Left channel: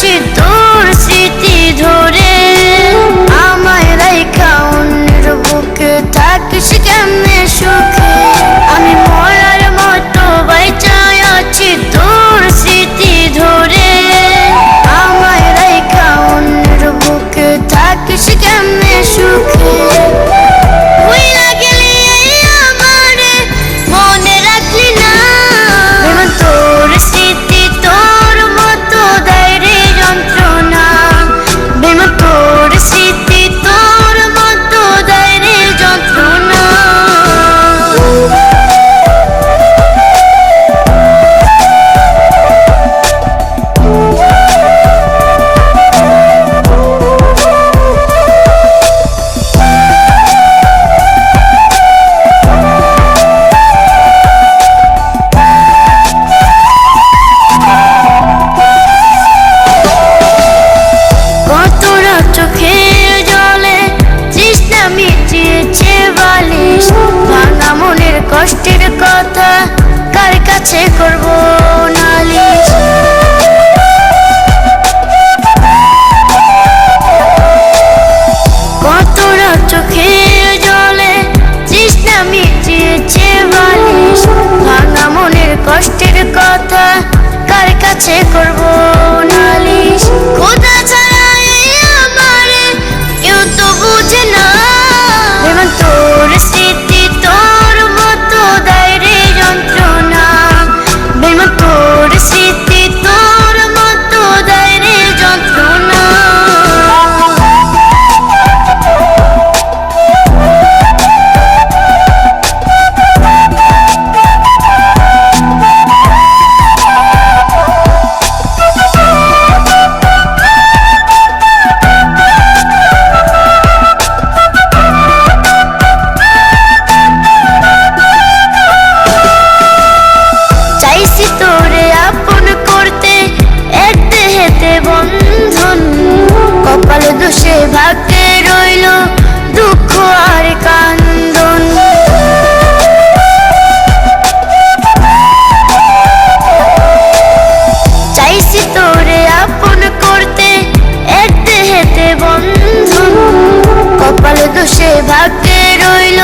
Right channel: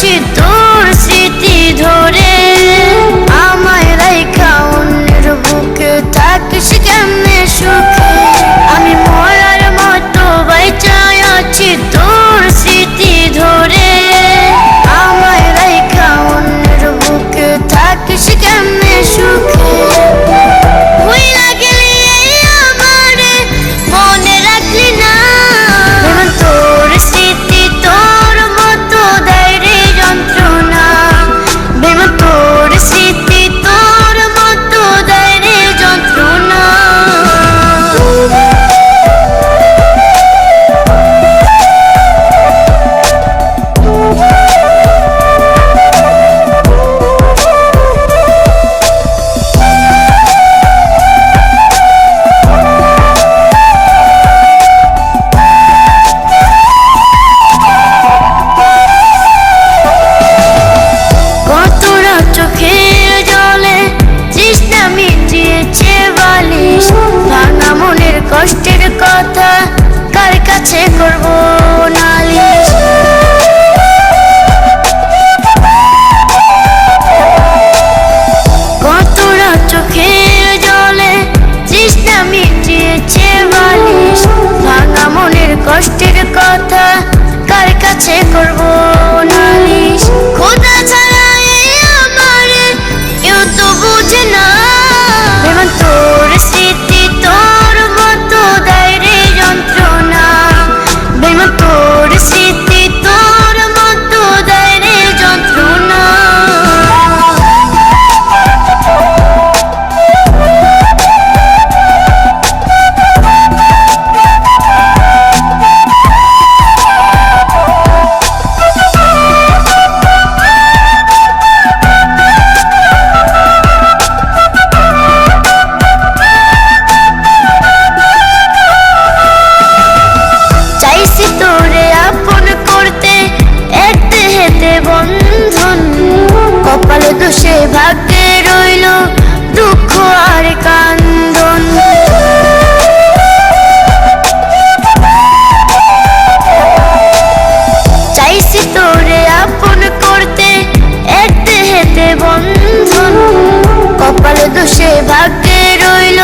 去读。মনের কষ্টের কথা কার কাছে করব নালিশ? কত রাত চোখের জলে তৃষ্ণা মিটিয়েছে বালিশ। ভাঙা মনের কষ্টের কথা কার কাছে করব নালিশ? চাইছি তোরে আপন করতে। এক দেহেতে বন্ধন। কপালে দোষে ভাগ্যে রইল দুঃখ আর কান্দন। চাইছি তোরে আপন করতে বন্ধন। কপালে দোষে ভাগ্যে রইল